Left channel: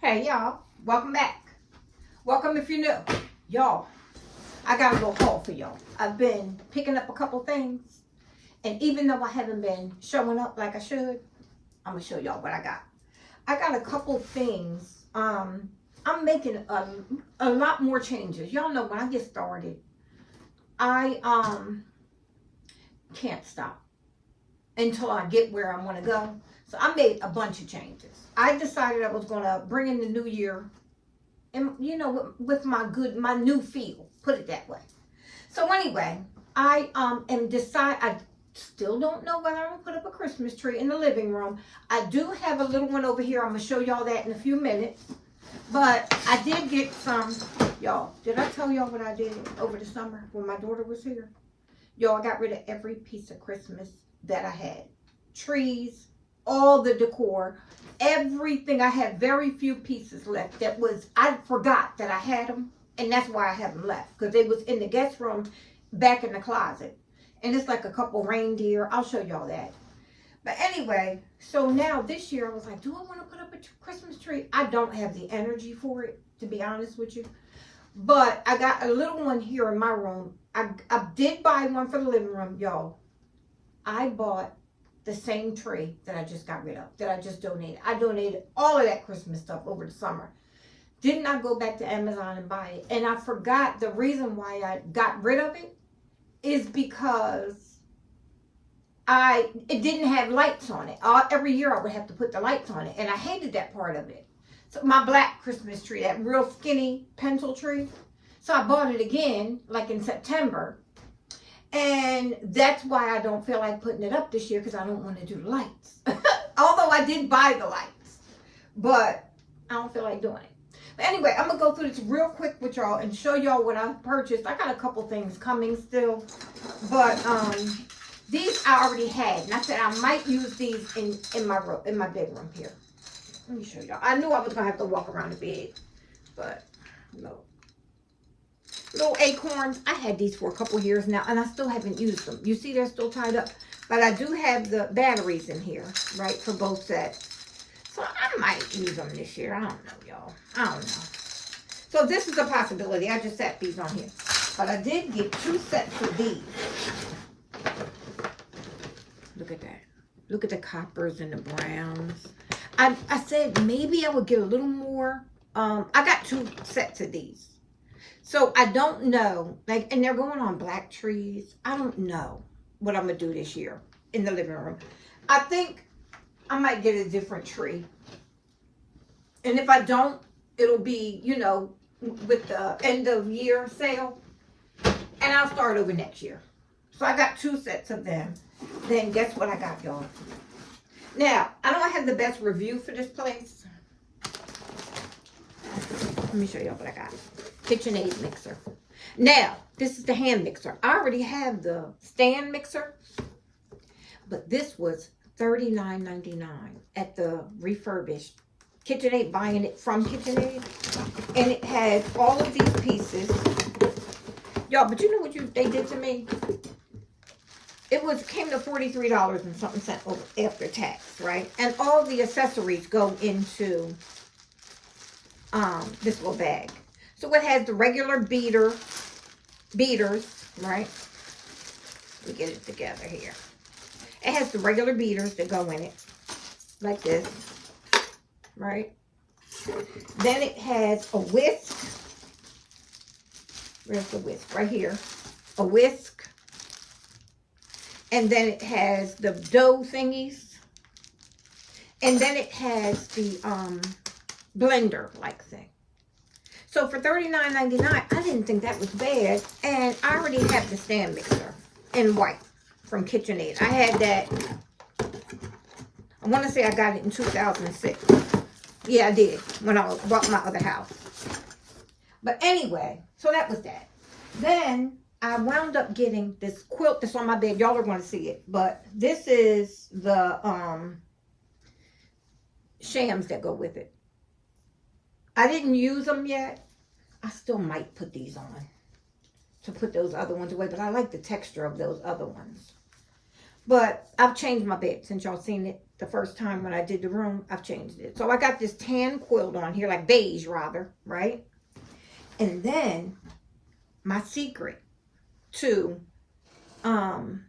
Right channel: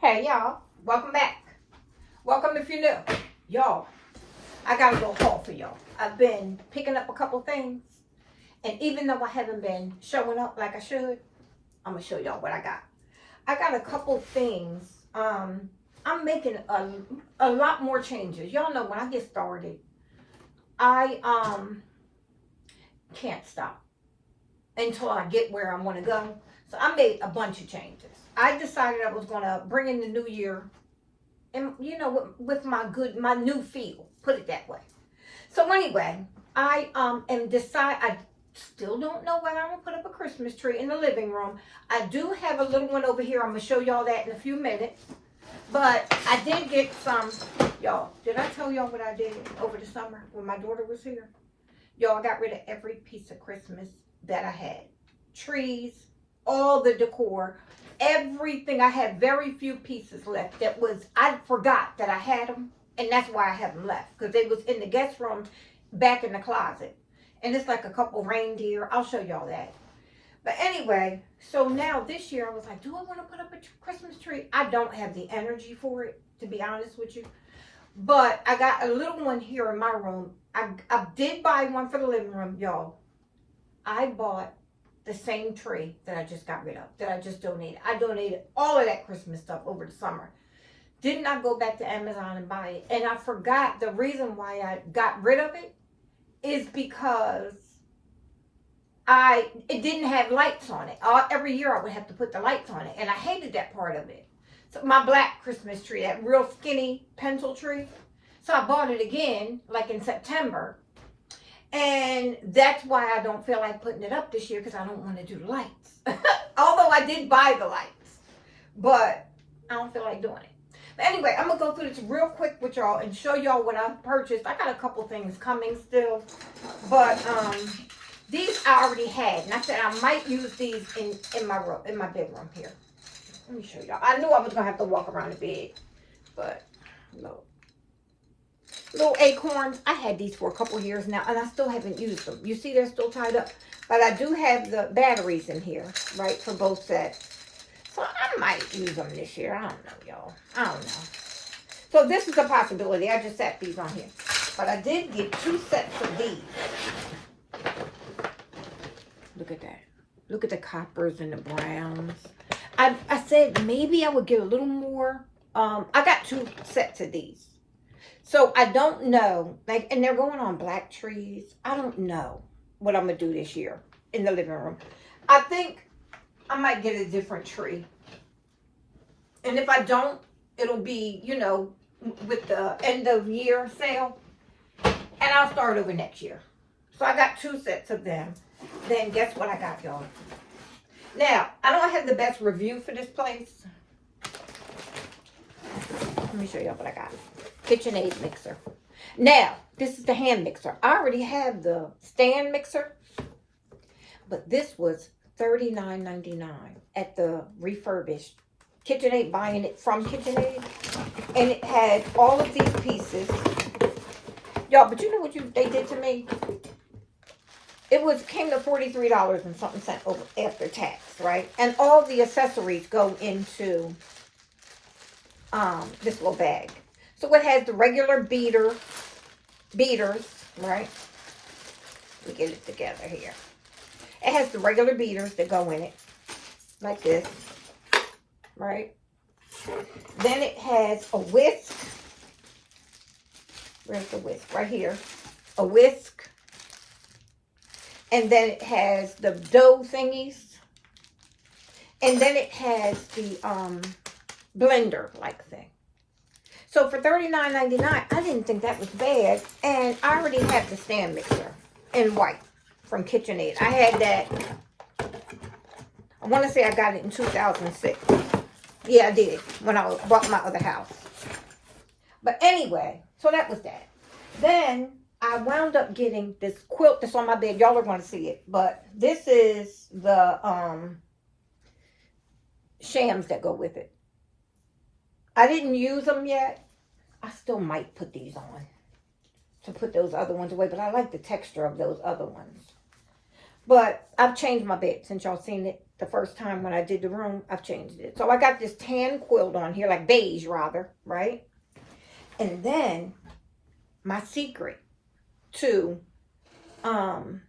Hey y'all, welcome back. Welcome if you're new. Y'all, I got a little haul for y'all. I've been picking up a couple things, and even though I haven't been showing up like I should, I'm gonna show y'all what I got. I got a couple things. I'm making a lot more changes. Y'all know when I get started, I can't stop until I get where I want to go. So I made a bunch of changes. I decided I was going to bring in the new year and, you know, with my new feel, put it that way. So anyway, I still don't know whether I'm going to put up a Christmas tree in the living room. I do have a little one over here. I'm going to show y'all that in a few minutes. But I did get some, y'all, did I tell y'all what I did over the summer when my daughter was here? Y'all, I got rid of every piece of Christmas that I had. Trees, all the decor, everything. I had very few pieces left. I forgot that I had them, and that's why I have them left, because they was in the guest room back in the closet. And it's like a couple reindeer. I'll show y'all that. But anyway, so now this year I was like, do I want to put up a Christmas tree? I don't have the energy for it, to be honest with you. But I got a little one here in my room. I did buy one for the living room, y'all. I bought the same tree that I just got rid of, that I just donated. I donated all of that Christmas stuff over the summer. Did not go back to Amazon and buy it. And I forgot the reason why I got rid of it is because it didn't have lights on it. Every year I would have to put the lights on it, and I hated that part of it. So my black Christmas tree, that real skinny pencil tree. So I bought it again, like in September. And that's why I don't feel like putting it up this year, because I don't want to do the lights. Although I did buy the lights, but I don't feel like doing it. But anyway, I'm going to go through this real quick with y'all and show y'all what I purchased. I got a couple things coming still, but these I already had, and I said I might use these in my bedroom here. Let me show y'all. I knew I was going to have to walk around the bed, but no. Little acorns. I had these for a couple years now, and I still haven't used them. You see they're still tied up, but I do have the batteries in here, right, for both sets. So I might use them this year. I don't know, y'all. I don't know. So this is a possibility. I just set these on here. But I did get 2 sets of these. Look at that. Look at the coppers and the browns. I said maybe I would get a little more. I got 2 sets of these. So I don't know, like, and they're going on black trees. I don't know what I'm going to do this year in the living room. I think I might get a different tree. And if I don't, it'll be, you know, with the end of year sale. And I'll start over next year. So I got 2 sets of them. Then guess what I got, y'all? Now, I don't have the best review for this place. Let me show y'all what I got. KitchenAid mixer. Now, this is the hand mixer. I already have the stand mixer, but this was $39.99 at the refurbished KitchenAid, buying it from KitchenAid, and it had all of these pieces. Y'all, but you know what they did to me? It came to $43 and something cent over after tax, right? And all the accessories go into this little bag. So it has the regular beaters, right? Let me get it together here. It has the regular beaters that go in it, like this, right? Then it has a whisk. Where's the whisk? Right here. A whisk. And then it has the dough thingies. And then it has the blender-like thing. So for $39.99, I didn't think that was bad. And I already have the stand mixer in white from KitchenAid. I had that, I want to say I got it in 2006. Yeah, I did, when I bought my other house. But anyway, so that was that. Then I wound up getting this quilt that's on my bed. Y'all are going to see it. But this is the shams that go with it. I didn't use them yet. I still might put these on to put those other ones away, but I like the texture of those other ones. But I've changed my bed since y'all seen it. the first time when I did the room, I've changed it. So I got this tan quilt on here, like beige rather, right? And then my secret to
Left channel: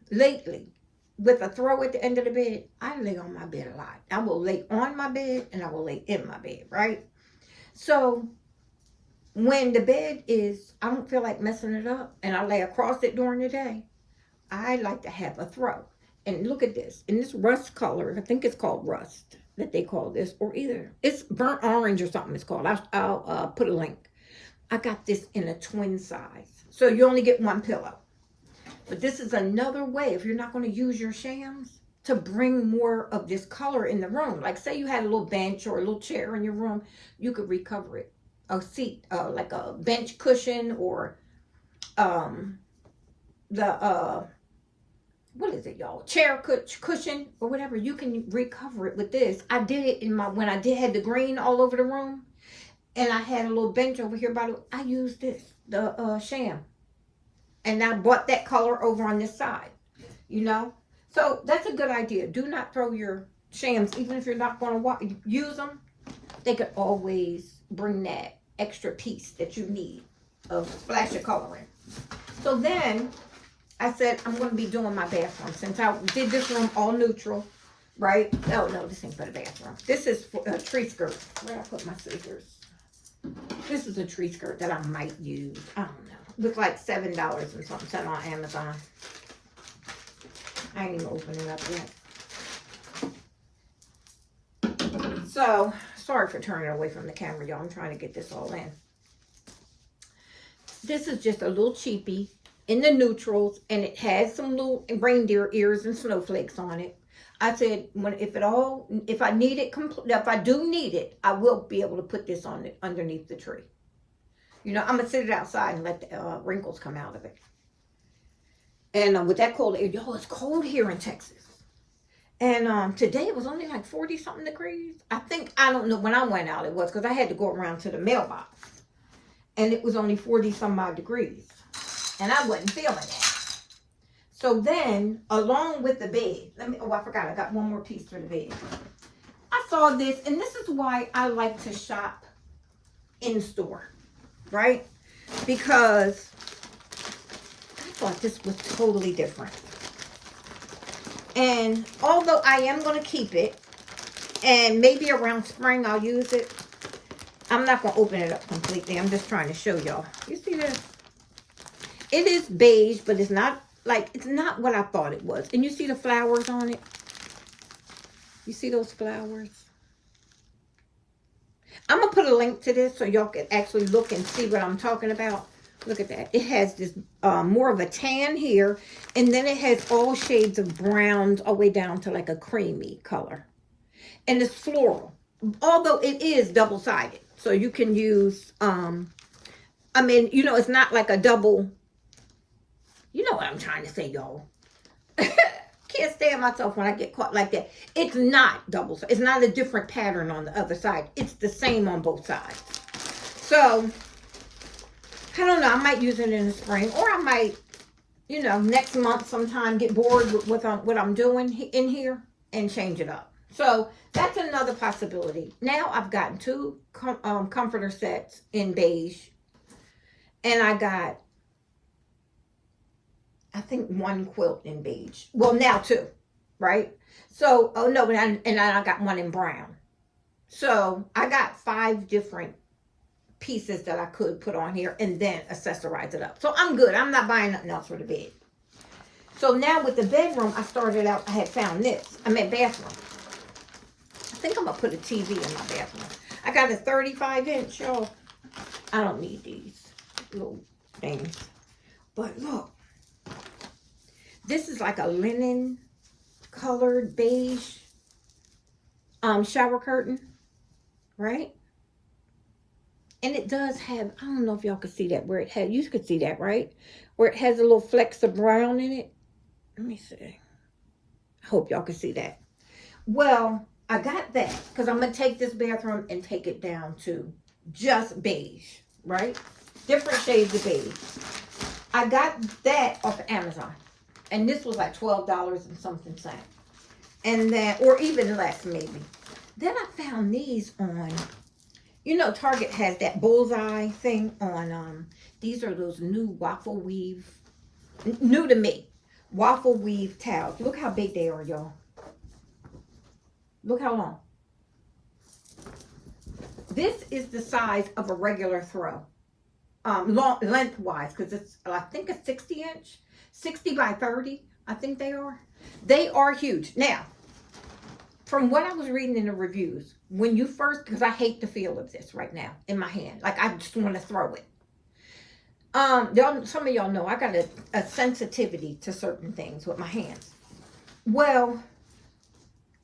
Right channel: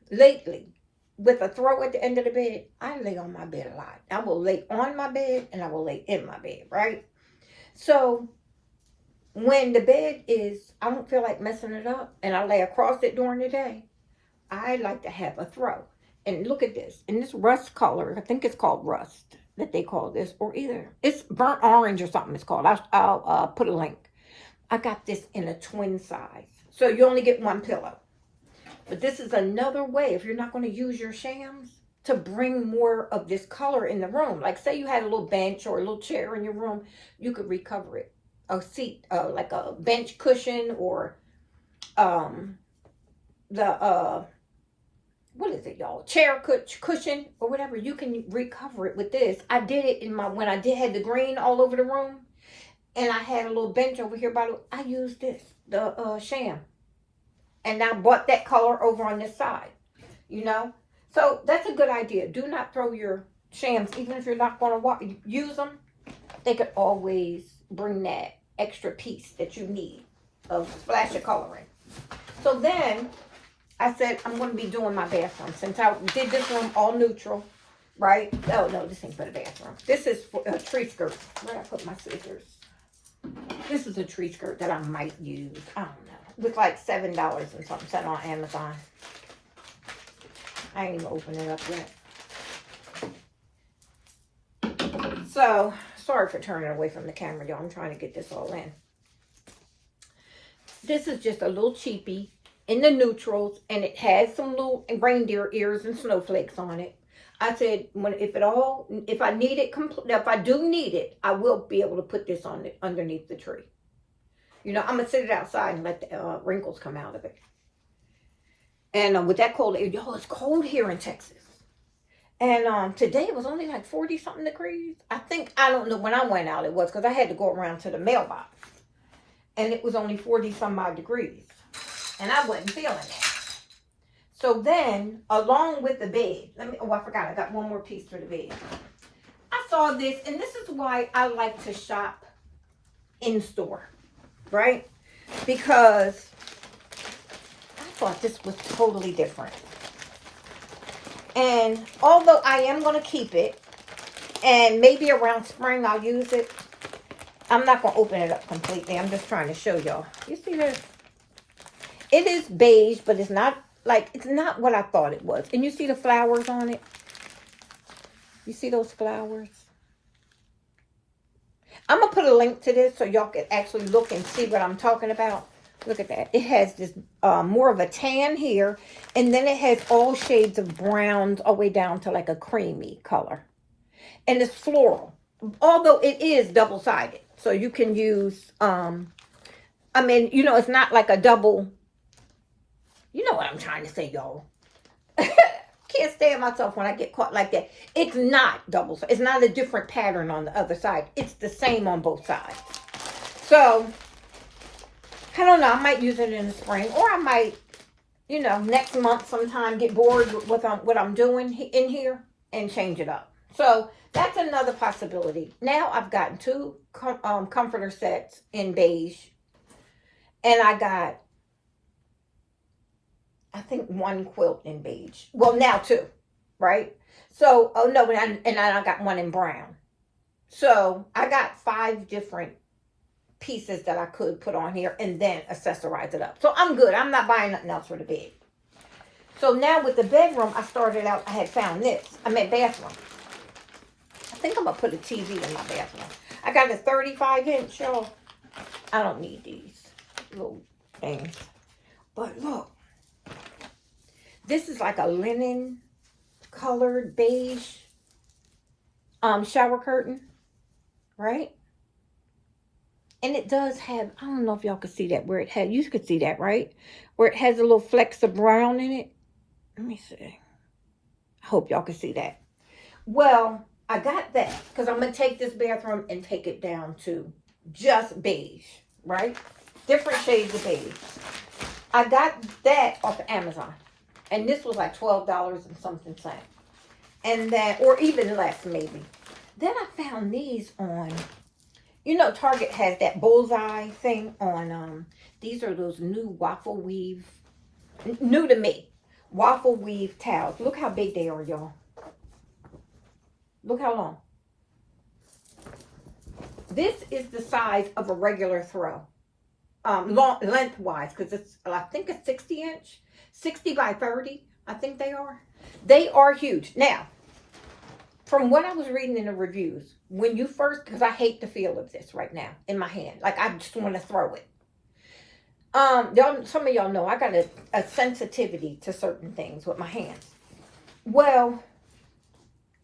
lately, with a throw at the end of the bed, I lay on my bed a lot. I will lay on my bed and I will lay in my bed, right? So when the bed is, I don't feel like messing it up and I lay across it during the day, I like to have a throw. And look at this. And this rust color, I think it's called rust that they call this, or either it's burnt orange or something it's called. I'll put a link. I got this in a twin size. So you only get one pillow. But this is another way, if you're not going to use your shams, to bring more of this color in the room. Like say you had a little bench or a little chair in your room, you could recover it. A seat, like a bench cushion or what is it, y'all? Chair cushion or whatever. You can recover it with this. I did it in when I had the green all over the room, and I had a little bench over here I used this, the sham, and I bought that color over on this side, you know. So that's a good idea. Do not throw your shams, even if you're not going to use them. They could always bring that extra piece that you need of splash of coloring. So then I said, I'm going to be doing my bathroom. Since I did this room all neutral, right? Oh, no, this ain't for the bathroom. This is for a tree skirt. Where did I put my scissors? This is a tree skirt that I might use. I don't know. It was like $7 and something, sent on Amazon. I ain't even opened it up yet. So, sorry for turning away from the camera, y'all. I'm trying to get this all in. This is just a little cheapie in the neutrals, and it has some little reindeer ears and snowflakes on it. I said, if I need it, if I do need it, I will be able to put this on it underneath the tree. You know, I'm gonna sit it outside and let the wrinkles come out of it. And with that cold air, y'all, it's cold here in Texas. And today it was only like 40 something degrees. I don't know when I went out it was, because I had to go around to the mailbox. And it was only 40 some odd degrees. And I wasn't feeling that. So then, along with the bed, I forgot, I got one more piece for the bed. I saw this, and this is why I like to shop in store, right? Because I thought this was totally different. And although I am going to keep it, and maybe around spring I'll use it, I'm not going to open it up completely. I'm just trying to show y'all. You see this? It is beige, but it's not what I thought it was. And you see the flowers on it? You see those flowers? I'm going to put a link to this so y'all can actually look and see what I'm talking about. Look at that. It has this more of a tan here. And then it has all shades of browns all the way down to like a creamy color. And it's floral. Although it is double-sided. So you can use, it's not like a double. You know what I'm trying to say, y'all. Can't stand myself when I get caught like that. It's not double-sided. It's not a different pattern on the other side. It's the same on both sides. So I don't know. I might use it in the spring. Or I might, next month sometime get bored with what I'm doing in here and change it up. So that's another possibility. Now I've gotten 2 comforter sets in beige. And I got, I think, 1 quilt in beige. Well, now 2, right? So, and I got 1 in brown. So I got 5 different pieces that I could put on here and then accessorize it up. So I'm good. I'm not buying nothing else for the bed. So now with the bedroom, I had found this. Bathroom. I think I'm going to put a TV in my bathroom. I got a 35-inch, y'all. I don't need these little things. But look. This is like a linen colored beige shower curtain. Right? And it does have, I don't know if y'all can see that, where it had, you could see that, right? Where it has a little flecks of brown in it. Let me see. I hope y'all can see that. Well, I got that because I'm going to take this bathroom and take it down to just beige, right? Different shades of beige. I got that off of Amazon. And this was like $12 and something cents. And then, or even less maybe. Then I found these on, you know, Target has that bullseye thing on, these are those new waffle weave, new to me, waffle weave towels. Look how big they are, y'all. Look how long. This is the size of a regular throw, lengthwise, because it's, I think it's 60 inch, 60 by 30, I think they are. They are huge. Now, from what I was reading in the reviews, when you first, because I hate the feel of this right now in my hand. Like, I just want to throw it. Y'all, some of y'all know I got a sensitivity to certain things with my hands. Well,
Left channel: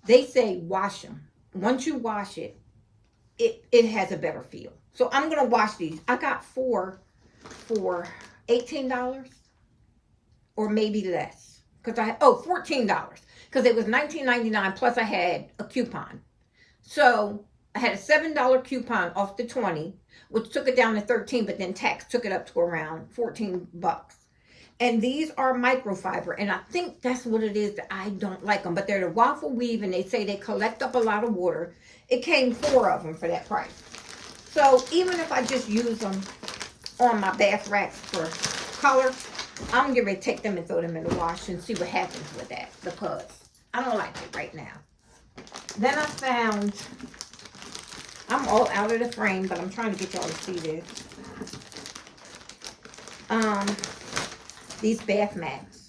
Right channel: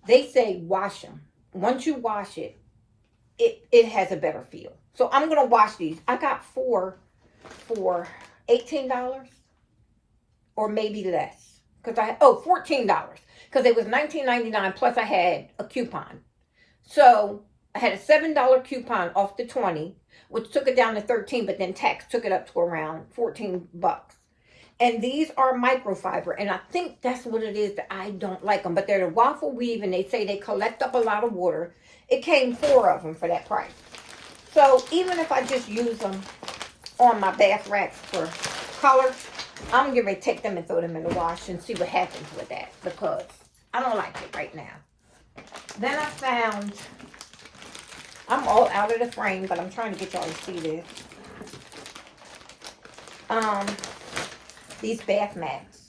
they say wash them. Once you wash it, it has a better feel. So I'm going to wash these. I got 4 for $18 or maybe less. Because $14. Because it was $19.99 plus I had a coupon. So I had a $7 coupon off the 20, which took it down to 13, but then tax took it up to around 14 bucks. And these are microfiber, and I think that's what it is that I don't like them. But they're the waffle weave, and they say they collect up a lot of water. It came 4 of them for that price. So even if I just use them on my bath racks for color, I'm going to take them and throw them in the wash and see what happens with that, because I don't like it right now. Then I found, I'm all out of the frame, but I'm trying to get y'all to see this. These bath mats.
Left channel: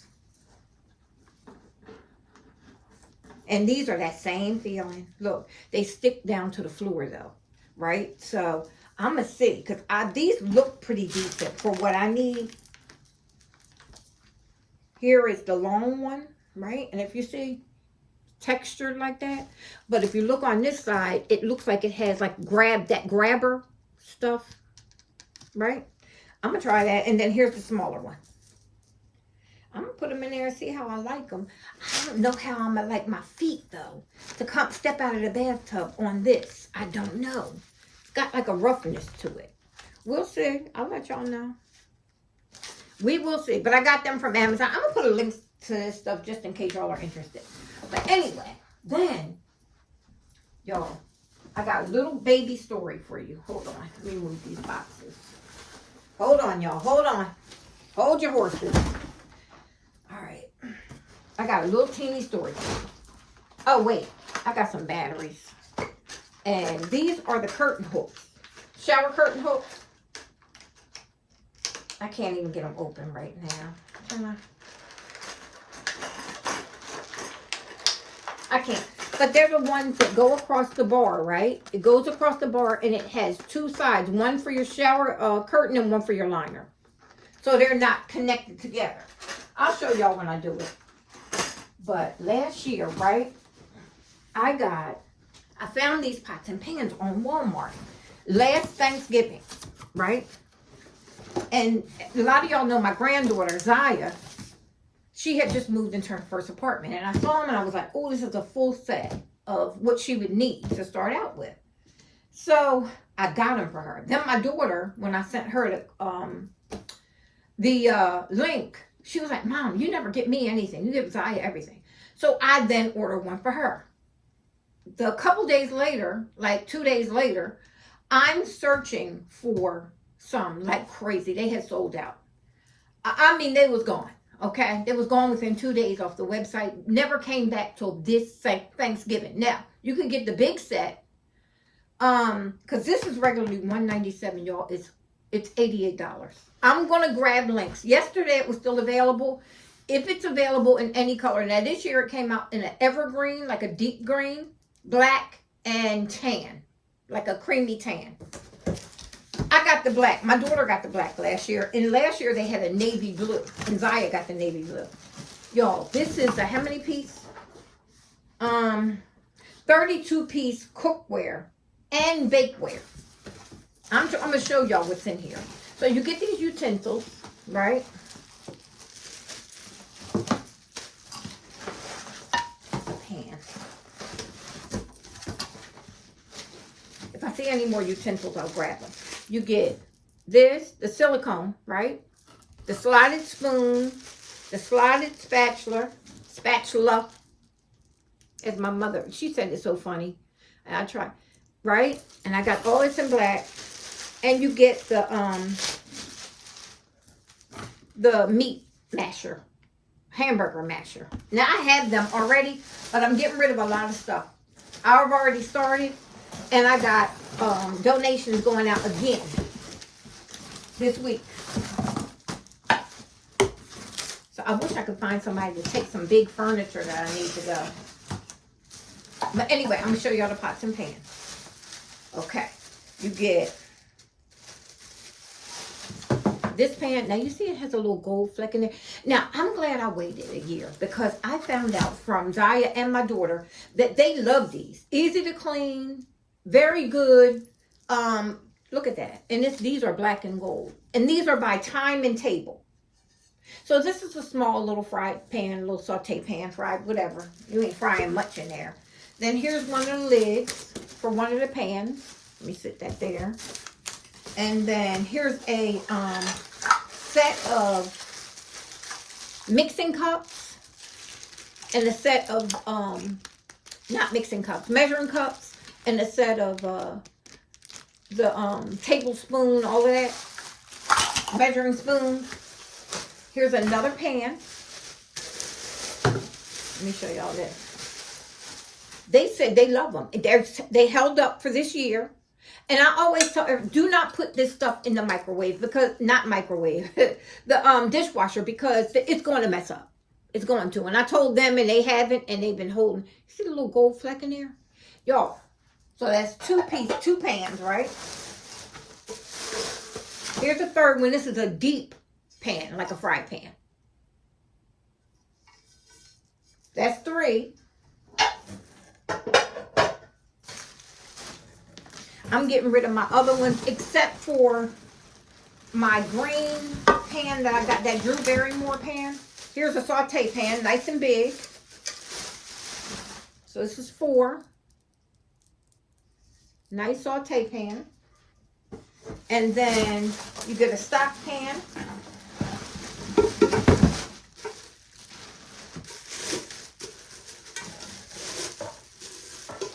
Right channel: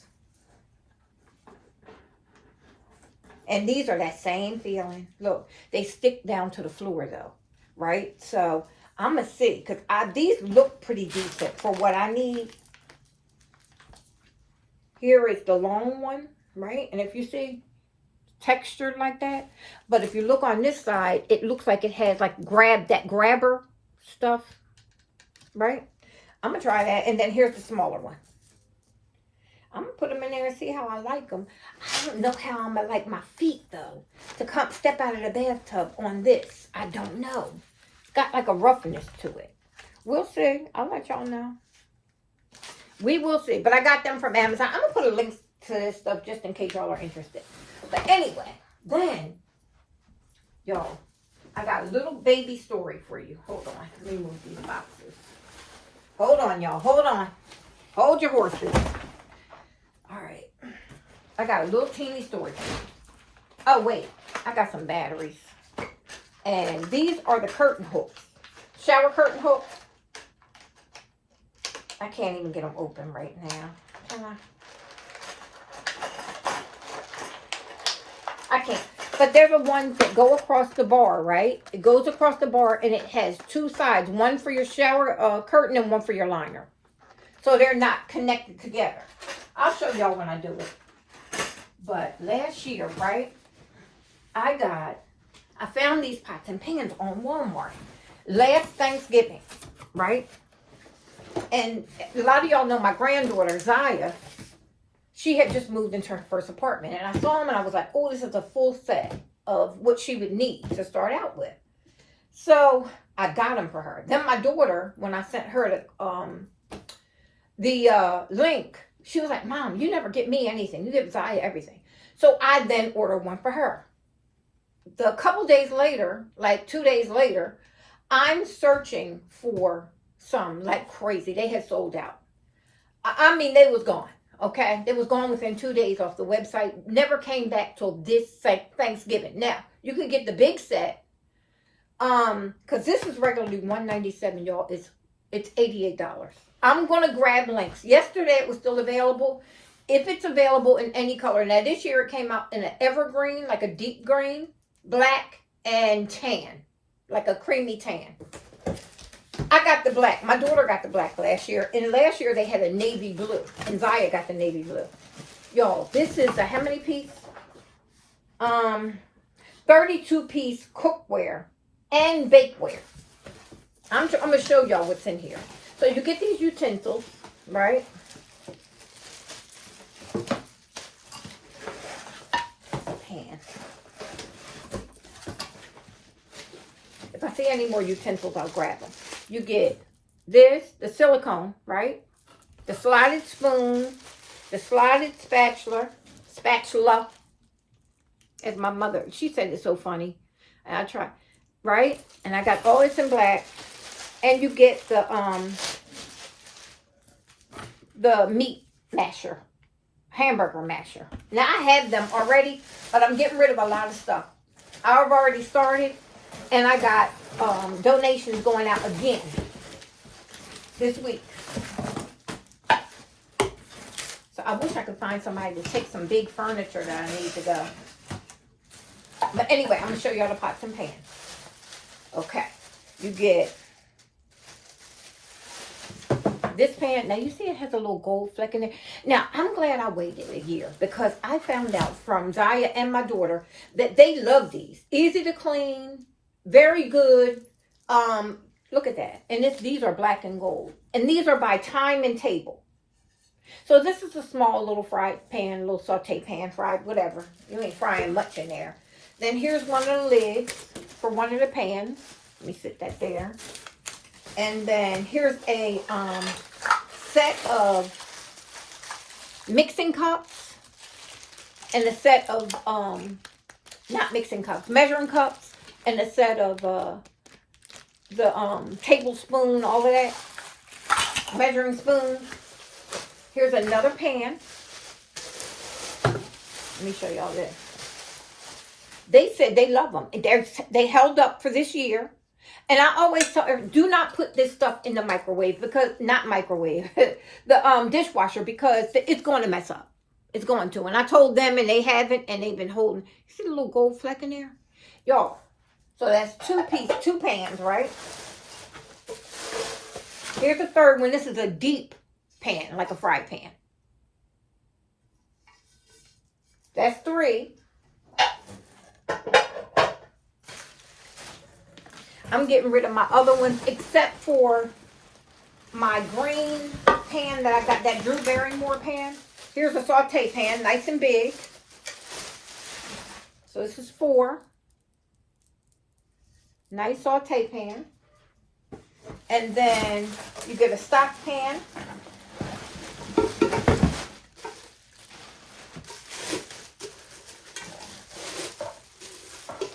And these are that same feeling. Look, they stick down to the floor though, right? So I'm going to see, because these look pretty decent for what I need. Here is the long one, right? And if you see, textured like that. But if you look on this side, it looks like it has like grabber stuff, right? I'm going to try that. And then here's the smaller one. I'm going to put them in there and see how I like them. I don't know how I'm going to like my feet, though, to come step out of the bathtub on this. I don't know. It's got like a roughness to it. We'll see. I'll let y'all know. We will see. But I got them from Amazon. I'm going to put a link to this stuff just in case y'all are interested. But anyway, then, y'all, I got a little baby story for you. Hold on. Let me move these boxes. Hold on, y'all. Hold on. Hold your horses. All right. I got a little teeny story. Oh, wait. I got some batteries. And these are the curtain hooks. Shower curtain hooks. I can't even get them open right now. Can I? I can't. But they're the ones that go across the bar, right? It goes across the bar and it has 2 sides. One for your shower curtain and one for your liner. So they're not connected together. I'll show y'all when I do it. But last year, right, I found these pots and pans on Walmart. Last Thanksgiving, right? And a lot of y'all know my granddaughter, Zaya, she had just moved into her first apartment. And I saw them and I was like, oh, this is a full set of what she would need to start out with. So I got them for her. Then my daughter, when I sent her the link, she was like, Mom, you never get me anything. You give Zaya everything. So I then ordered one for her. The couple days later, like 2 days later, I'm searching for some like crazy. They had sold out. I mean, they was gone. Okay, they was gone within 2 days off the website. Never came back till this Thanksgiving. Now you can get the big set, because this is regularly $197, y'all. It's $88. I'm gonna grab links. Yesterday it was still available. If it's available in any color. Now this year it came out in an evergreen, like a deep green, black, and tan, like a creamy tan. I got the black. My daughter got the black last year. And last year they had a navy blue. And Zaya got the navy blue. Y'all, this is a how many piece? 32 piece cookware and bakeware. I'm going to show y'all what's in here. So you get these utensils, right? Pan. If I see any more utensils, I'll grab them. You get this, the silicone, right? The slotted spoon, the slotted spatula, As my mother, she said it's so funny. And I try, right? And I got all this in black. And you get the meat masher, hamburger masher. Now I have them already, but I'm getting rid of a lot of stuff. I've already started, and I got donations going out again this week. So I wish I could find somebody to take some big furniture that I need to go. But anyway, I'm going to show y'all the pots and pans. Okay. You get this pan. Now, you see it has a little gold fleck in it. Now, I'm glad I waited a year because I found out from Zaya and my daughter that they love these. Easy to clean. Very good. Look at that. And these are black and gold. And these are by time and table. So this is a small little fried pan, little saute pan, fried, whatever. You ain't frying much in there. Then here's one of the lids for one of the pans. Let me sit that there. And then here's a set of mixing cups and a set of, not mixing cups, measuring cups, and a set of the tablespoon, all of that, measuring spoons. Here's another pan. Let me show y'all this. They said they love them. They held up for this year. And I always tell her, do not put this stuff in the microwave, because, not microwave, the dishwasher, because it's going to mess up. It's going to. And I told them, and they haven't, and they've been holding. See the little gold fleck in there? Y'all, so that's two pans, right? Here's the third one. This is a deep pan, like a fry pan. That's 3. I'm getting rid of my other ones, except for my green pan that I got, that Drew Barrymore pan. Here's a saute pan, nice and big. So this is 4. Nice saute pan. And then you get a stock pan.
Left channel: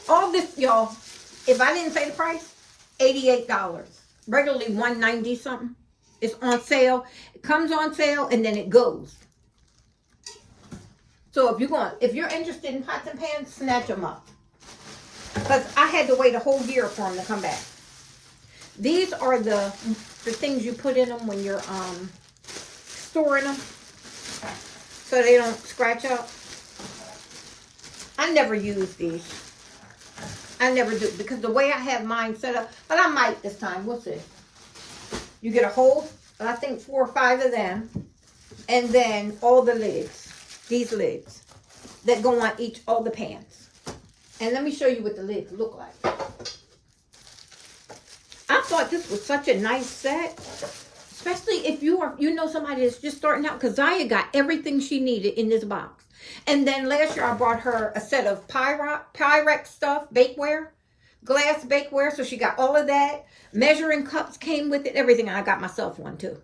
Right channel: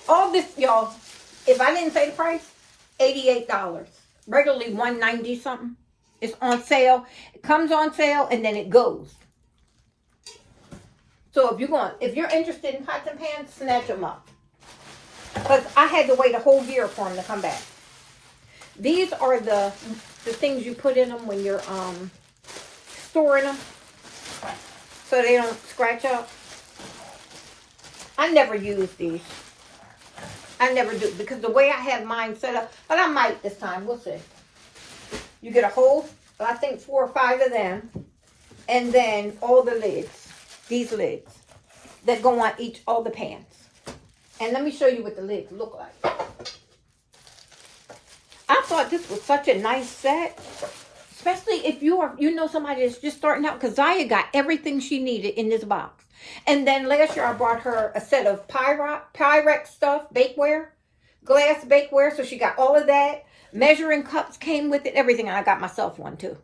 All this, y'all, if I didn't say the price, $88. Regularly $190 something. It's on sale. It comes on sale and then it goes. So if you're interested in pots and pans, snatch them up. Because I had to wait a whole year for them to come back. These are the things you put in them when you're storing them, so they don't scratch up. I never use these. I never do, because the way I have mine set up, but I might this time, we'll see. You get a whole, I think 4 or 5 of them, and then all the lids, these lids, that go on all the pans. And let me show you what the lids look like. I thought this was such a nice set, especially if you know somebody that's just starting out, because Zaya got everything she needed in this box. And then last year I brought her a set of Pyrex stuff, bakeware, glass bakeware. So she got all of that. Measuring cups came with it, everything. And I got myself one too.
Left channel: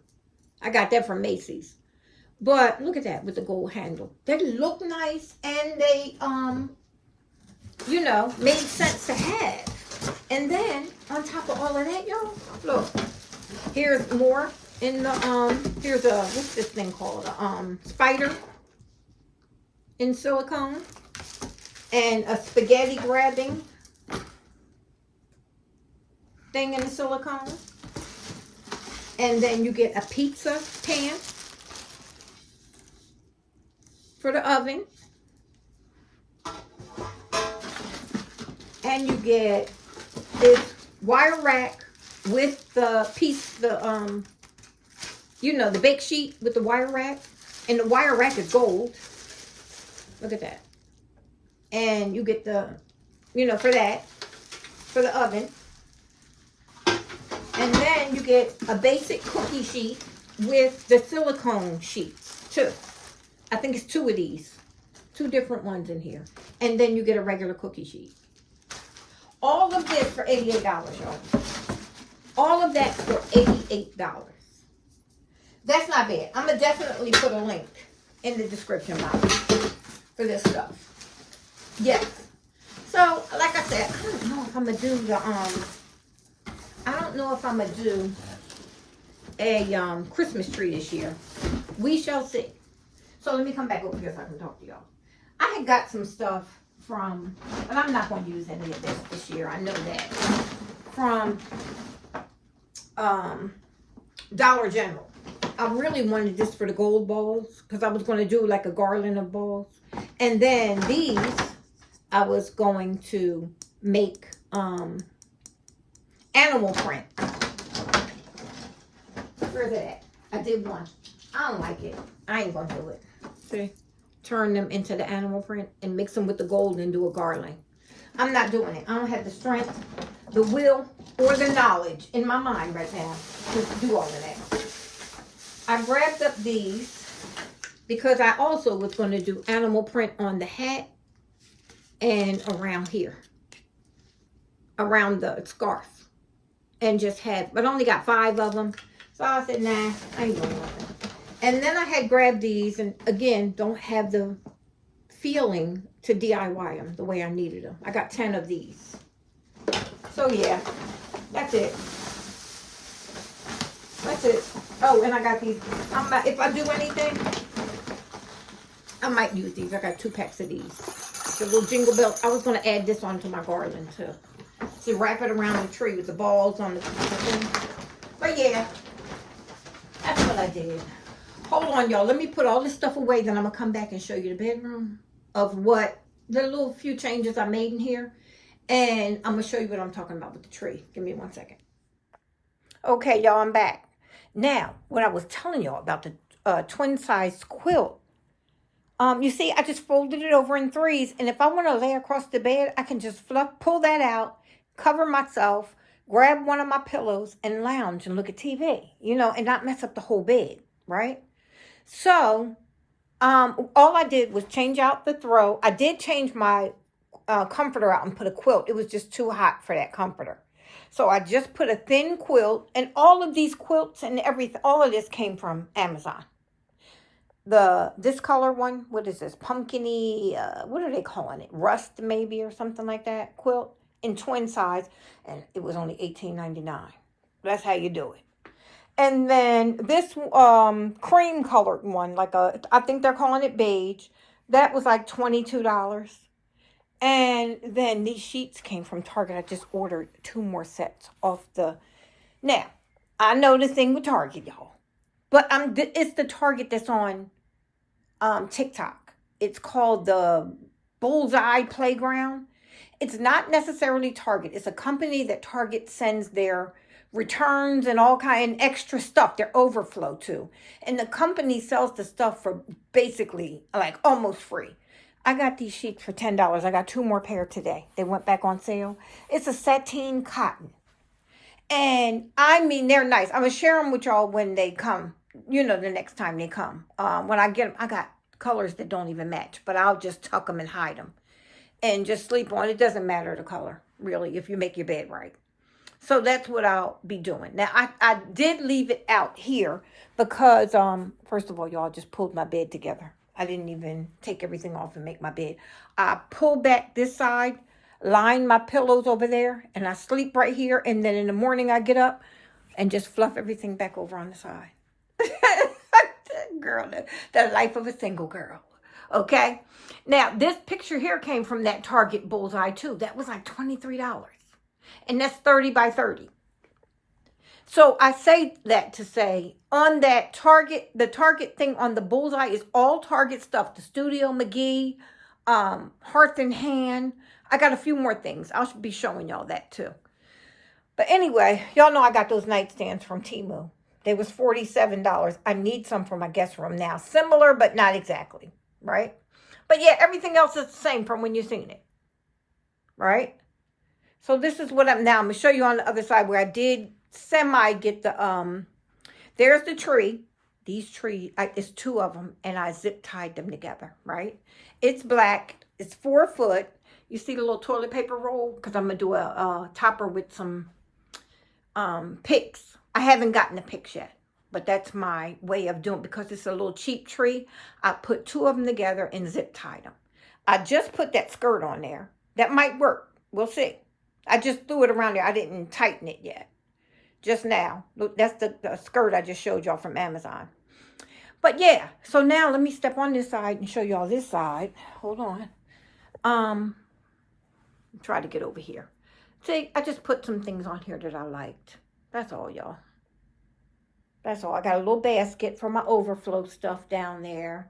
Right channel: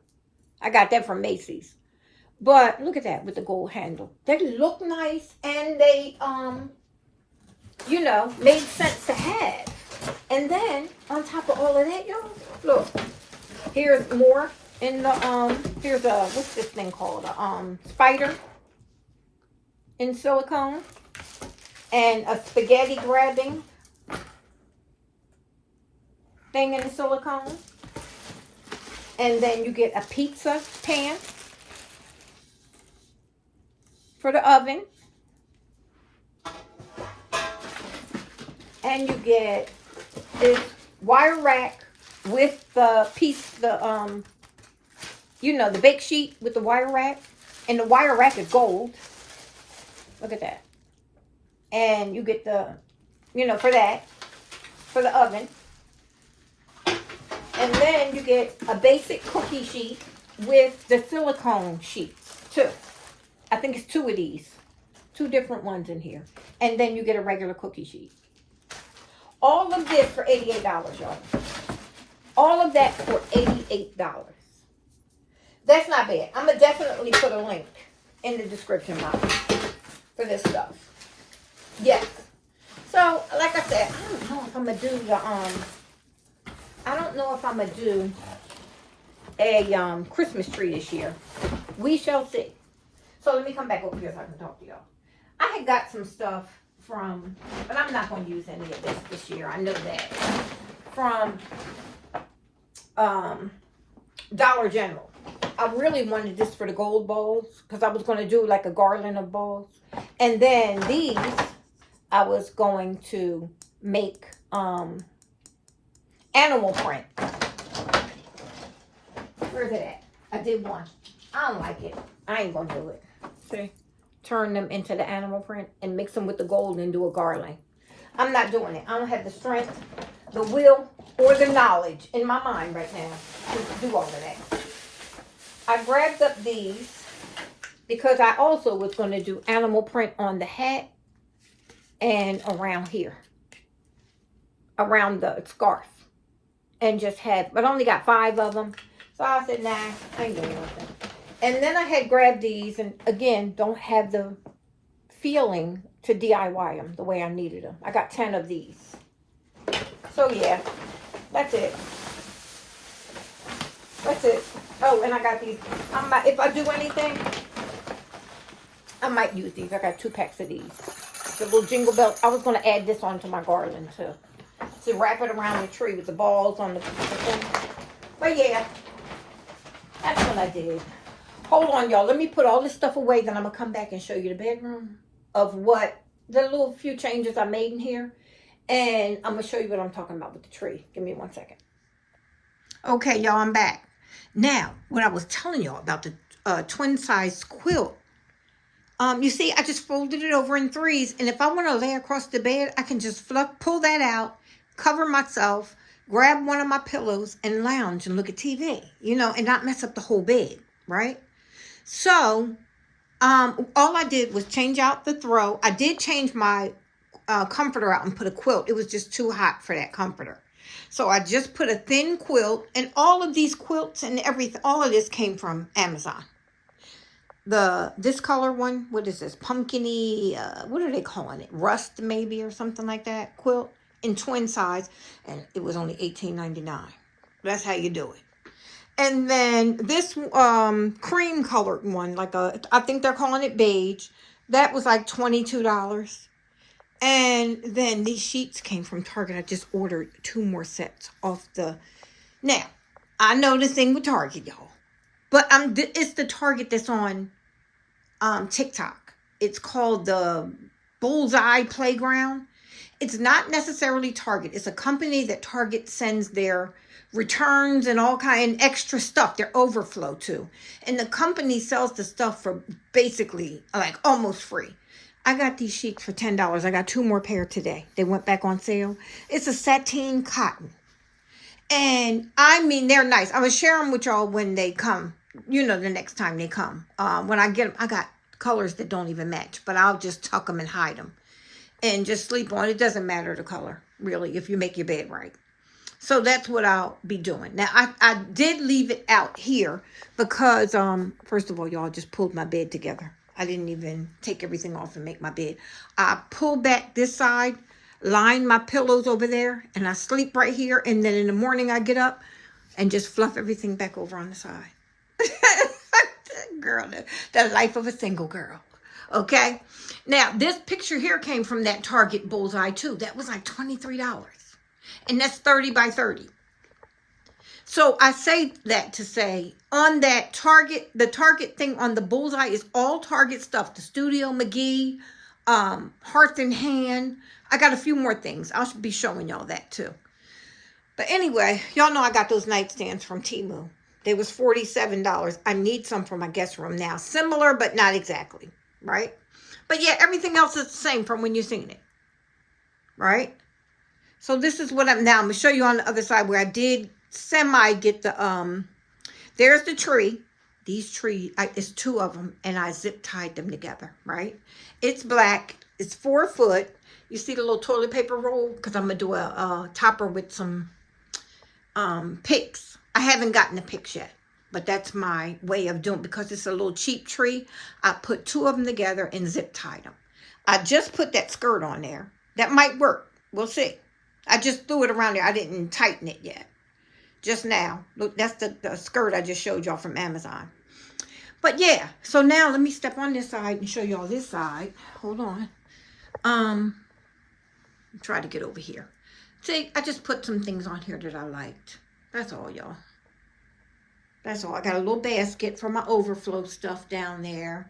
I got that from Macy's. But look at that with the gold handle. They look nice, and they, you know, made sense to have. And then on top of all of that, y'all, look, here's more in the, here's a, what's this thing called? A spider in silicone, and a spaghetti grabbing thing in silicone. And then you get a pizza pan for the oven. And you get this wire rack with the piece, you know, the bake sheet with the wire rack. And the wire rack is gold. Look at that. And you get the, you know, for that, for the oven. And then you get a basic cookie sheet with the silicone sheets, too. I think it's 2 of these. 2 different ones in here. And then you get a regular cookie sheet. All of this for $88, y'all. All of that for $88. That's not bad. I'm going to definitely put a link in the description box for this stuff. Yes. So, like I said, I don't know if I'm gonna do the I don't know if I'm gonna do a Christmas tree this year. We shall see. So let me come back over here so I can talk to y'all. I had got some stuff from, but I'm not going to use any of this year. I know that. From Dollar General. I really wanted this for the gold balls because I was going to do like a garland of balls. And then these, I was going to make animal print. Where's it at? I did one. I don't like it. I ain't going to do it. See? Turn them into the animal print and mix them with the gold and do a garland. I'm not doing it. I don't have the strength, the will, or the knowledge in my mind right now to do all of that. I grabbed up these because I also was going to do animal print on the hat and around here, around the scarf, and just had, but I only got 5 of them. So I said, nah, I ain't doing nothing. And then I had grabbed these, and again, don't have the feeling to DIY them the way I needed them. I got 10 of these. So yeah, that's it. That's it. Oh, and I got these. If I do anything, I might use these. I got 2 packs of these. The little jingle bell. I was going to add this onto my garland too. See, wrap it around the tree with the balls on the thing. But yeah, that's what I did. Hold on, y'all. Let me put all this stuff away. Then I'm going to come back and show you the bedroom of what the little few changes I made in here. And I'm going to show you what I'm talking about with the tree. Give me 1 second. Okay, y'all, I'm back. Now, what I was telling y'all about the twin size quilt. You see, I just folded it over in 3s. And if I want to lay across the bed, I can just pull that out, cover myself, grab one of my pillows, and lounge and look at TV. You know, and not mess up the whole bed, right? So, all I did was change out the throw. I did change my comforter out and put a quilt. It was just too hot for that comforter. So I just put a thin quilt, and all of these quilts and everything, all of this came from Amazon. This color one, what is this? Pumpkin-y, what are they calling it? Rust maybe or something like that. Quilt in twin size, and it was only $18.99. That's how you do it. And then this cream colored one, I think they're calling it beige. That was like $22. And then these sheets came from Target. I just ordered 2 more sets off the... Now, I know the thing with Target, y'all. But it's the Target that's on TikTok. It's called the Bullseye Playground. It's not necessarily Target. It's a company that Target sends their returns and all kind of extra stuff, their overflow to. And the company sells the stuff for basically like almost free. I got these sheets for $10. I got 2 more pair today. They went back on sale. It's a sateen cotton. And I mean, they're nice. I'm going to share them with y'all when they come. You know, the next time they come. When I get them, I got colors that don't even match. But I'll just tuck them and hide them. And just sleep on. It doesn't matter the color, really, if you make your bed right. So that's what I'll be doing. Now, I did leave it out here because, first of all, y'all, just pulled my bed together. I didn't even take everything off and make my bed. I pull back this side, line my pillows over there, and I sleep right here. And then in the morning, I get up and just fluff everything back over on the side. Girl, the life of a single girl. Okay? Now, this picture here came from that Target Bullseye, too. That was like $23. And that's 30 by 30. So I say that to say, on that Target, the Target thing on the Bullseye is all Target stuff. The Studio McGee, Hearth and Hand. I got a few more things. I'll be showing y'all that too. But anyway, y'all know I got those nightstands from Temu. They was $47. I need some for my guest room now. Similar, but not exactly, right? But yeah, everything else is the same from when you seen it, right? So this is what I'm going to show you on the other side where I did semi get the, there's the tree. These trees, it's 2 of them, and I zip tied them together, right? It's black. It's 4 foot. You see the little toilet paper roll? Because I'm going to do a topper with some picks. I haven't gotten the picks yet, but that's my way of doing it. Because it's a little cheap tree, I put 2 of them together and zip tied them. I just put that skirt on there. That might work. We'll see. I just threw it around there. I didn't tighten it yet. Just now. Look, that's the skirt I just showed y'all from Amazon. But yeah, so now let me step on this side and show y'all this side. Hold on. Try to get over here. See, I just put some things on here that I liked. That's all, y'all. That's all. I got a little basket for my overflow stuff down there.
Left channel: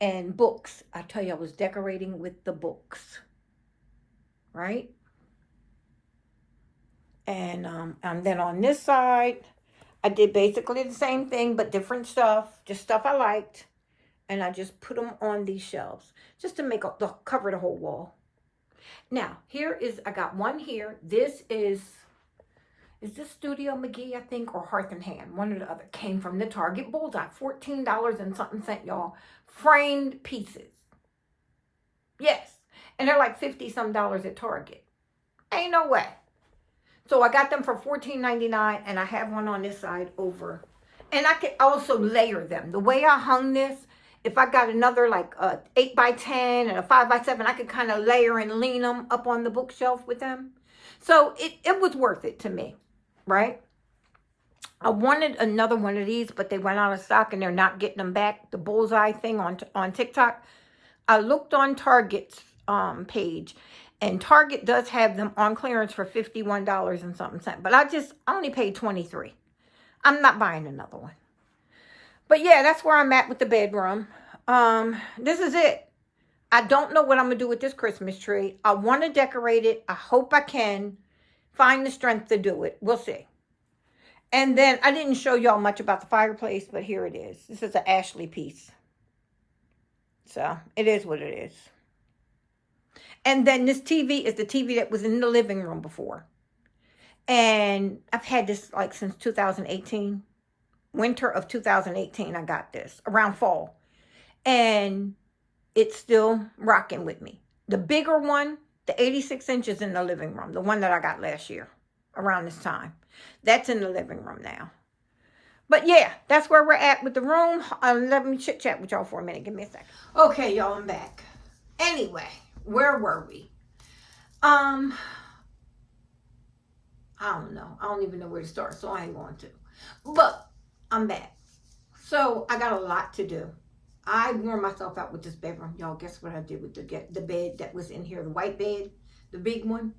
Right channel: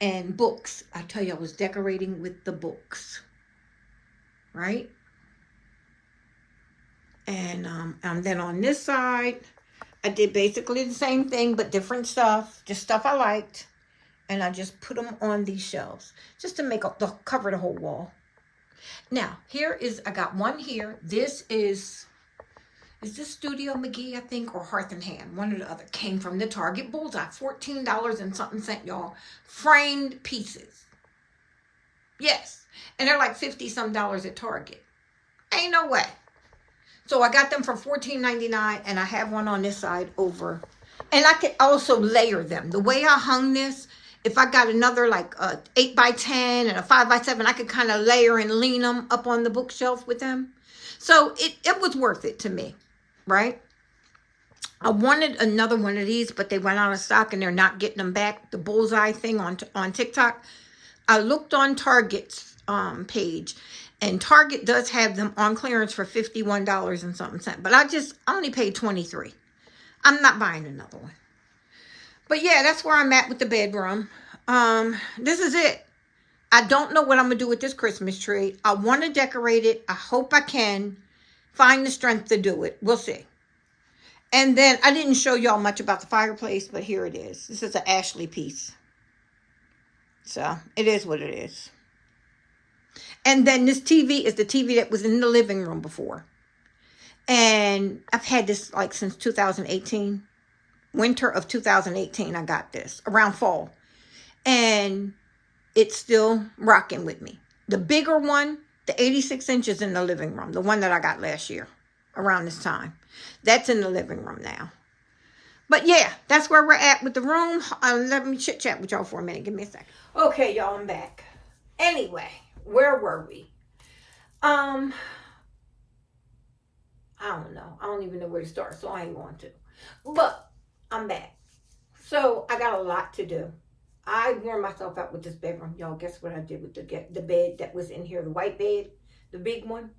And books. I tell you, I was decorating with the books. Right? And then on this side, I did basically the same thing, but different stuff. Just stuff I liked. And I just put them on these shelves. Just to make up cover the whole wall. Now, I got one here. This is this Studio McGee, I think, or Hearth and Hand? One or the other. Came from the Target Bullseye. $14 and something cent, y'all. Framed pieces. Yes. And they're like 50-some dollars at Target. Ain't no way. So I got them for $14.99, and I have one on this side over. And I can also layer them. The way I hung this, if I got another like a 8x10 and a 5x7, I could kind of layer and lean them up on the bookshelf with them. So it was worth it to me, right? I wanted another one of these, but they went out of stock and they're not getting them back. The Bullseye thing on TikTok. I looked on Target's page, and Target does have them on clearance for $51 and something cent. But I only paid $23. I'm not buying another one. But yeah, that's where I'm at with the bedroom. This is it. I don't know what I'm going to do with this Christmas tree. I want to decorate it. I hope I can find the strength to do it. We'll see. And then I didn't show y'all much about the fireplace, but here it is. This is an Ashley piece. So it is what it is. And then this TV is the TV that was in the living room before. And I've had this like since 2018. Winter of 2018, I got this. Around fall. And it's still rocking with me. The bigger one, the 86 inches in the living room. The one that I got last year. Around this time. That's in the living room now. But yeah, that's where we're at with the room. Let me chit chat with y'all for a minute. Give me a second. Okay, y'all, I'm back. Anyway, where were we? I don't know. I don't even know where to start, so I ain't going to. But I'm back. So I got a lot to do. I wore myself out with this bedroom. Y'all, guess what I did with the bed that was in here, the white bed, the big one?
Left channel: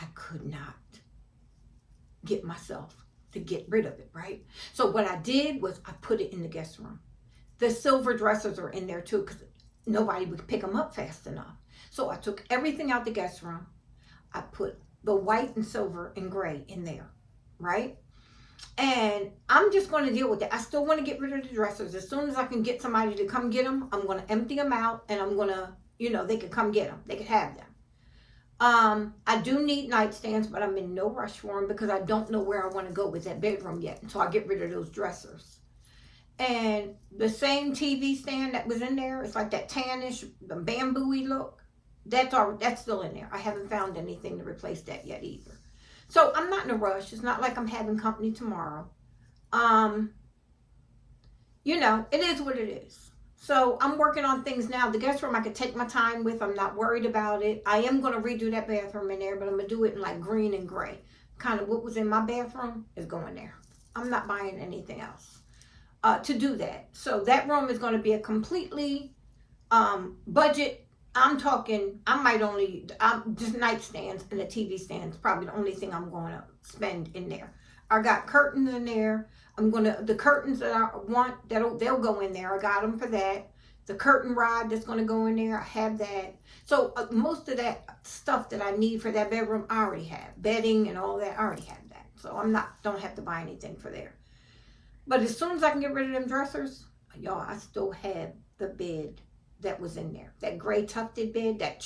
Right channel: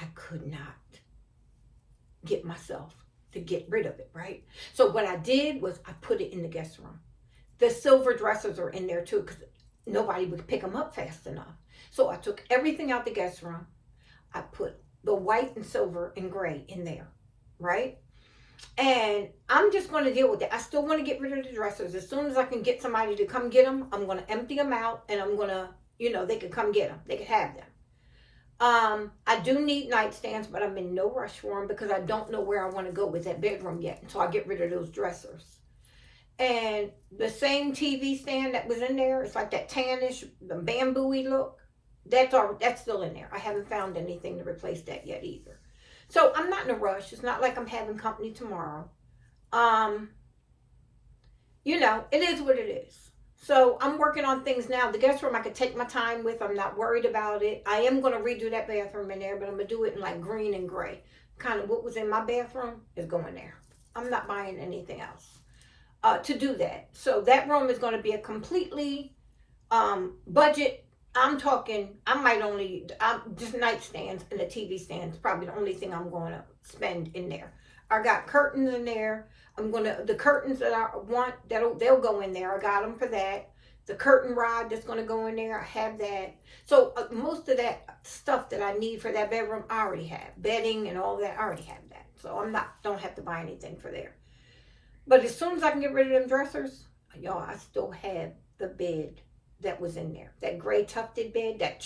I could not get myself to get rid of it, right? So what I did was I put it in the guest room. The silver dressers are in there too because nobody would pick them up fast enough. So I took everything out the guest room. I put the white and silver and gray in there, right? And I'm just going to deal with it. I still want to get rid of the dressers. As soon as I can get somebody to come get them, I'm going to empty them out and I'm going to, they could come get them. They could have them. I do need nightstands, but I'm in no rush for them because I don't know where I want to go with that bedroom yet until I get rid of those dressers. And the same TV stand that was in there, it's like that tannish, the bamboo-y look. That's still in there. I haven't found anything to replace that yet either. So I'm not in a rush. It's not like I'm having company tomorrow. It is what it is. So I'm working on things now. The guest room I could take my time with. I'm not worried about it. I am going to redo that bathroom in there, but I'm going to do it in like green and gray. Kind of what was in my bathroom is going there. I'm not buying anything else to do that. So that room is going to be a completely budget. I'm talking, just nightstands and the TV stands, probably the only thing I'm going to spend in there. I got curtains in there. The curtains that I want, they'll go in there. I got them for that. The curtain rod that's going to go in there, I have that. So most of that stuff that I need for that bedroom, I already have. Bedding and all that, I already have that. So don't have to buy anything for there. But as soon as I can get rid of them dressers, y'all, I still have the bed that was in there. That gray tufted bed, that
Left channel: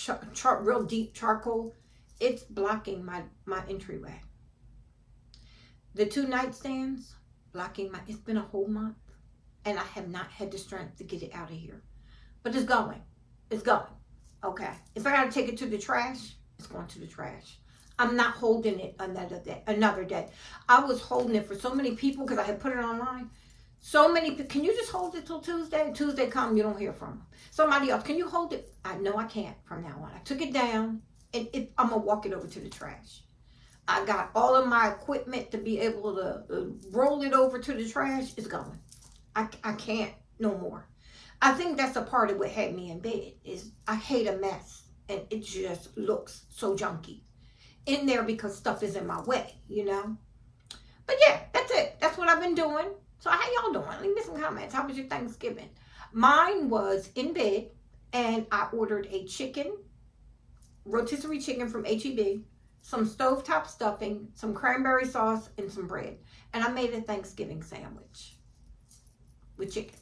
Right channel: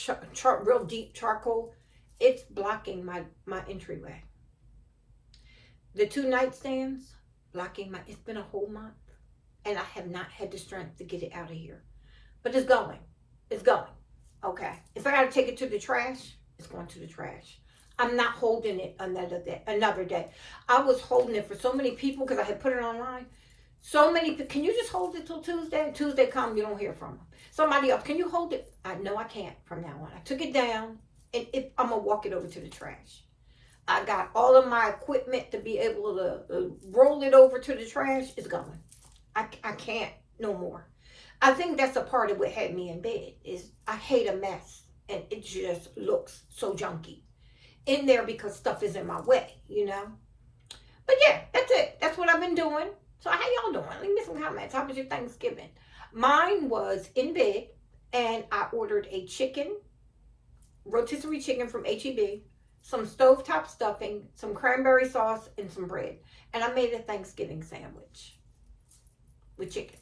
real deep charcoal, it's blocking my entryway. The two nightstands, blocking it's been a whole month and I have not had the strength to get it out of here. But it's going. Okay. If I gotta take it to the trash, it's going to the trash. I'm not holding it another day. I was holding it for so many people because I had put it online. So many, can you just hold it till Tuesday? Tuesday come, you don't hear from them. Somebody else, can you hold it? No, I can't from now on. I took it down, and I'm going to walk it over to the trash. I got all of my equipment to be able to roll it over to the trash. It's gone. I can't no more. I think that's a part of what had me in bed, is I hate a mess, and it just looks so junky in there because stuff is in my way, you know. But yeah, that's it. That's what I've been doing. So how y'all doing? Leave me some comments. How was your Thanksgiving? Mine was in bed, and I ordered a chicken, rotisserie chicken from HEB, some stovetop stuffing, some cranberry sauce, and some bread. And I made a Thanksgiving sandwich with chicken.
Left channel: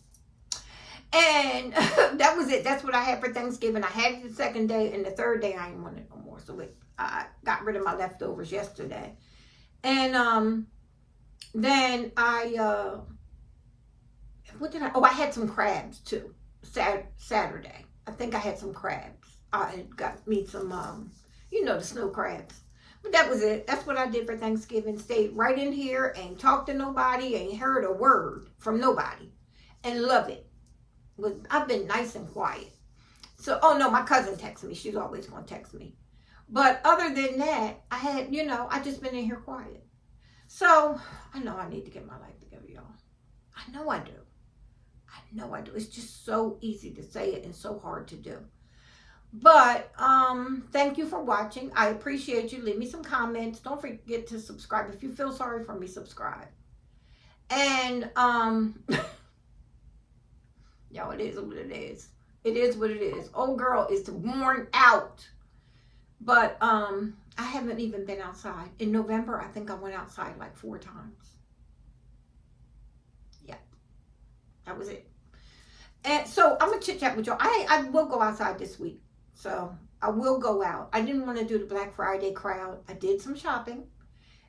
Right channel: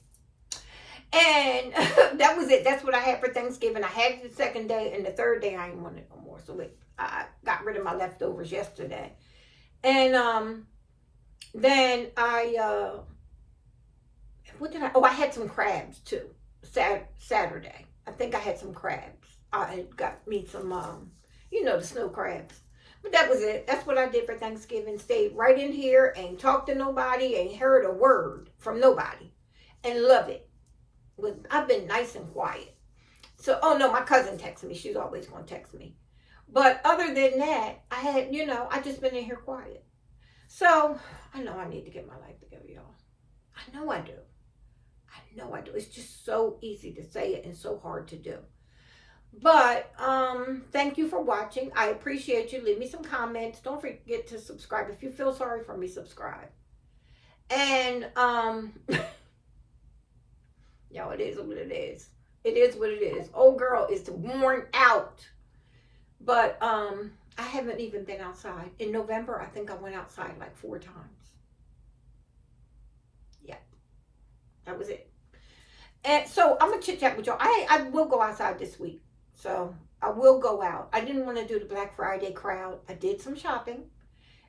And that was it. That's what I had for Thanksgiving. I had it the second day, and the third day I didn't want it no more. So I got rid of my leftovers yesterday. And then I had some crabs too. Saturday. I think I had some crabs. I got me some, the snow crabs. But that was it. That's what I did for Thanksgiving. Stayed right in here, ain't talked to nobody, ain't heard a word from nobody. And love it. I've been nice and quiet. So, oh no, my cousin texts me. She's always going to text me. But other than that, I had, I just been in here quiet. So, I know I need to get my life together, y'all. I know I do. It's just so easy to say it and so hard to do. But, thank you for watching. I appreciate you. Leave me some comments. Don't forget to subscribe. If you feel sorry for me, subscribe. And, y'all, it is what it is. It is what it is. Old girl is worn out. But, I haven't even been outside. In November, I think I went outside like 4 times. Yeah. That was it. And so I'm going to chit chat with y'all. I will go outside this week. So I will go out. I didn't want to do the Black Friday crowd. I did some shopping.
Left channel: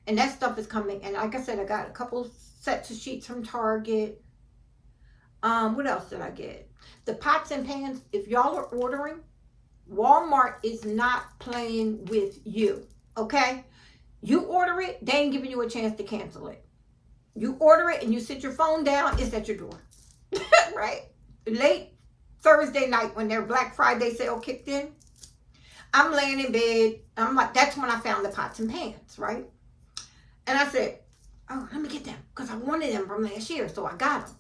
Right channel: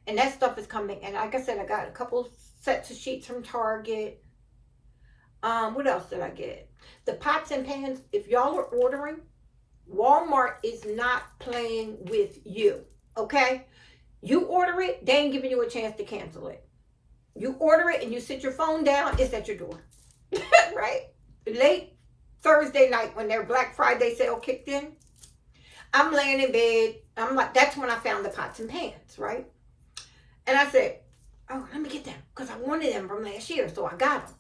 And that stuff is coming. And like I said, I got a couple sets of sheets from Target. What else did I get? The pots and pans. If y'all are ordering, Walmart is not playing with you, okay? You order it, they ain't giving you a chance to cancel it. You order it and you sit your phone down, it's at your door, right? Late Thursday night when their Black Friday sale kicked in, I'm laying in bed. I'm like, that's when I found the pots and pans, right? And I said, oh, let me get them because I wanted them from last year, so I got them.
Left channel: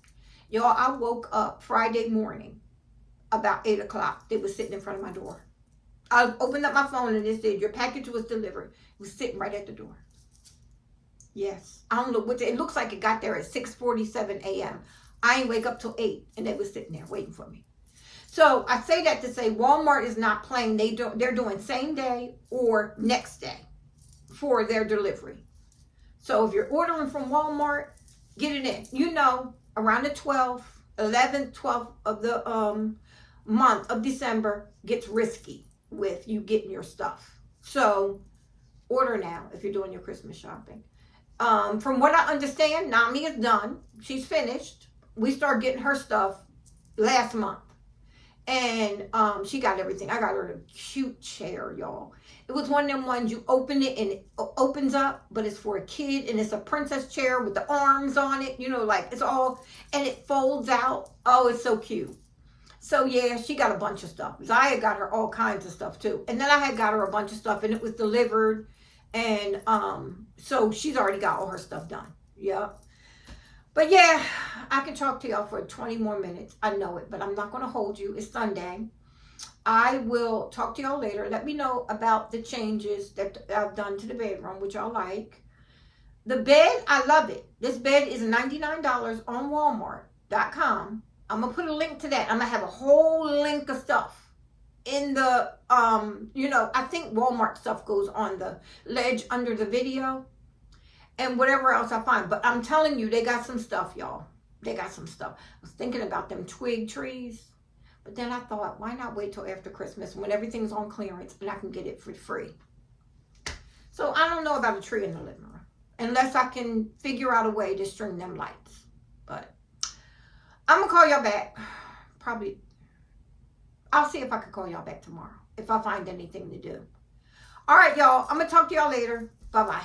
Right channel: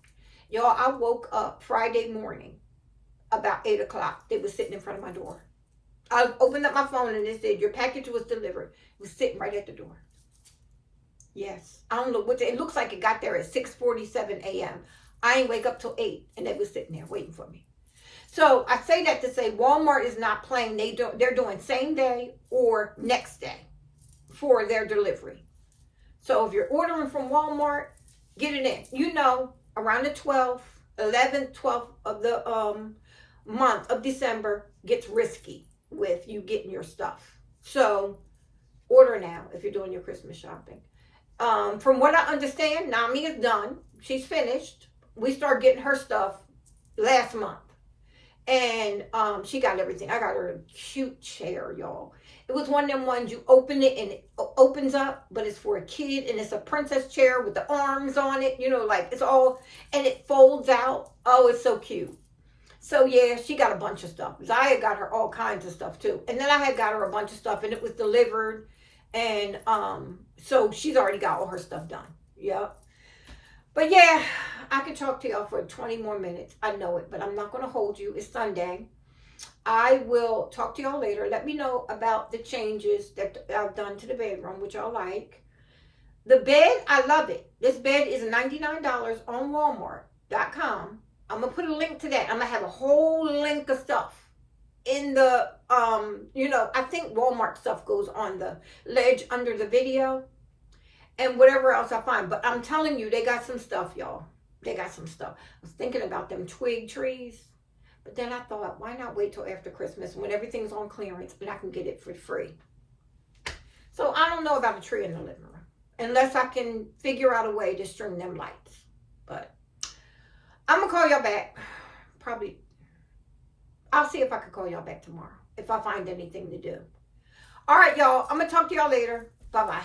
Y'all, I woke up Friday morning about 8 o'clock. They were sitting in front of my door. I opened up my phone and it said, your package was delivered. It was sitting right at the door. Yes. I don't know what, it looks like it got there at 6:47 a.m. I ain't wake up till 8 and they was sitting there waiting for me. So I say that to say Walmart is not playing. They're doing same day or next day for their delivery. So if you're ordering from Walmart, get it in. Around the 12th, 11th, 12th of the month of December gets risky with you getting your stuff. So order now if you're doing your Christmas shopping. From what I understand, Nami is done. She's finished. We started getting her stuff last month. And she got everything. I got her a cute chair, y'all. It was one of them ones you open it and it opens up, but it's for a kid and it's a princess chair with the arms on it, it's all, and it folds out. Oh, it's so cute. So yeah, she got a bunch of stuff. Zaya got her all kinds of stuff too. And then I had got her a bunch of stuff and it was delivered. And so she's already got all her stuff done. Yep. But yeah, I can talk to y'all for 20 more minutes. I know it, but I'm not going to hold you. It's Sunday. I will talk to y'all later. Let me know about the changes that I've done to the bedroom, which y'all like. The bed, I love it. This bed is $99 on Walmart.com. I'm going to put a link to that. I'm going to have a whole link of stuff in the, I think Walmart stuff goes on the ledge under the video and whatever else I find. But I'm telling you, they got some stuff, y'all. They got some stuff. I was thinking about them twig trees. But then I thought, why not wait till after Christmas when everything's on clearance and I can get it for free? So I don't know about a tree in the living room. Unless I can figure out a way to string them lights. But I'm going to call y'all back. Probably. I'll see if I can call y'all back tomorrow. If I find anything to do. All right, y'all. I'm going to talk to y'all later. Bye-bye.